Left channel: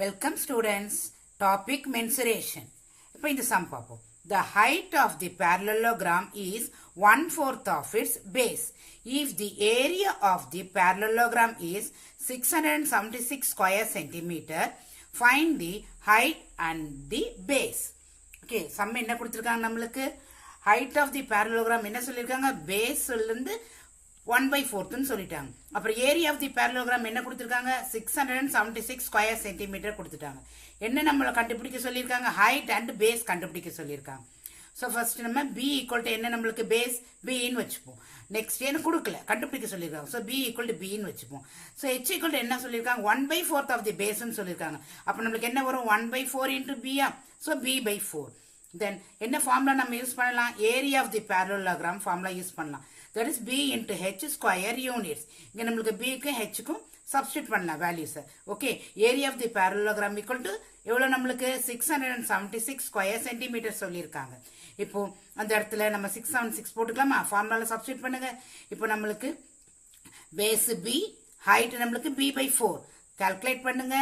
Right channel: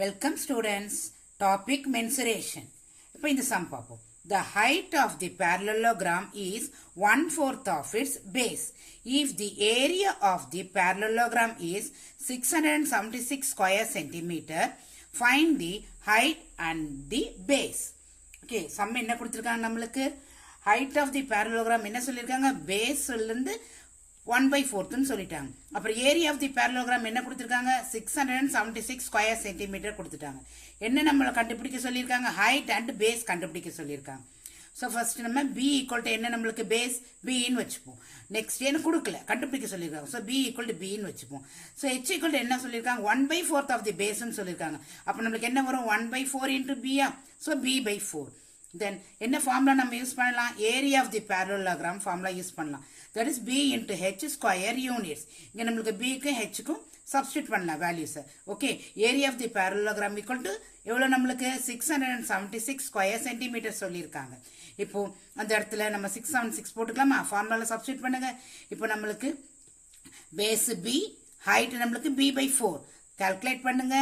Welcome students. Topic mensuration. இப்போ இந்த sum பார்ப்போம். The height of the parallelogram is 1/4 of its base. If the area of the parallelogram is 676 square centimeter, find the height and the base. Okay, sum என்ன கொடுத்திருக்காங்க நம்மளுக்கு? Height of the parallelogram என்ன சொல்லிருக்காங்க? Base சொல்லிருந்து 1/4 சொல்லிட்டாங்க. அப்புறம் area of the parallelogram என்ன கொடுத்திருக்காங்க? 676 square centimetre கொடுத்துட்டாங்க. என்ன நம்மள கண்டுபிடிக்க சொல்லியிருக்காங்க? ஹைட் அண்ட் பேஸ் கண்டுபிடிக்க சொல்லியிருக்காங்க. ஸோ ஃபர்ஸ்ட் நம்ம பி ஈக்குவல் டு என்ன நம்மளுக்கு பேஸ் பின்னு வச்சுப்போம். நெக்ஸ்ட் என்ன கொடுக்கல கண்டுபிடிக்க சொல்லியிருக்காங்க. ஸோ பி ஈக்குவல் டு பின்னு வச்சுப்போம். ஸோ ஹெச் ஈக்குவல் டு என்ன சொல்லியிருக்காங்க? 1/4 ஆஃப் தி பேஸ்ன்னு சொல்லியிருக்காங்க. அப்போ நம்மளுக்கு என்ன வரும்? 1/4 இன்டூ பியா. So b/4. தென் என்ன ஃபார்முலா நம்ம யூஸ் பண்ணலாம்? Area of the parallelogram formula use பண்ணலாம். That is b into h square units. இங்க நம்மளுக்கு b க்கும் h க்கும் substitute பண்ணலாம் values. Okay, area of the parallelogram equal to எவ்வளவு நம்மளுக்கு 676 square centimeter சொல்லியிருக்காங்க. இப்போ அந்த இடத்துல நம்ம 676 போட்டுக்கலாமா? ஃபார்முலால substitute பண்ணுங்க. இப்போ நம்மளுக்கு base b, height நம்மளுக்கு b/4. calculate பண்ணுங்க.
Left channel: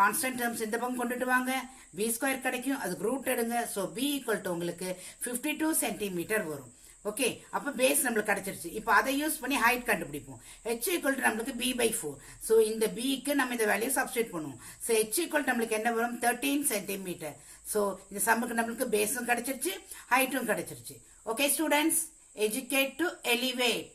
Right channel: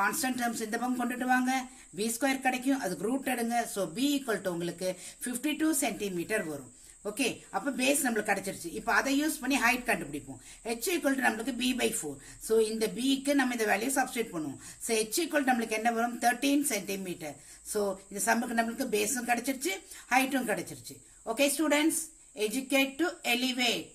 கான்ஸ்டன்ட் டேர்ம்ஸ் இந்த பக்கம் கொண்டுட்டு வாங்க. b ஸ்கொயர் கிடைக்கும். அதுக்கு ரூட் எடுங்க. ஸோ b ஈக்குவல் டு உங்களுக்கு 52 சென்டிமீட்டர் வரும். ஓகே, அப்ப பேஸ் நம்மளுக்கு கிடைச்சிருச்சு. இப்போ அதை யூஸ் பண்ணி ஹைட் கண்டுபிடிப்போம். h ஈக்குவல் டு நம்மளுக்கு b/4. ஸோ இந்த b க்கு நம்ம இந்த வேல்யூ சப்ஸ்டிட் பண்ணுவோம். ஸோ h ஈக்குவல் நம்மளுக்கு என்ன வரும்? 13 சென்டிமீட்டர். ஸோ இந்த சம்முக்கு நம்மளுக்கு பேஸும் கிடைச்சிருச்சு, ஹைட்டும் கிடைச்சிருச்சு. Okay students, educate to elevate.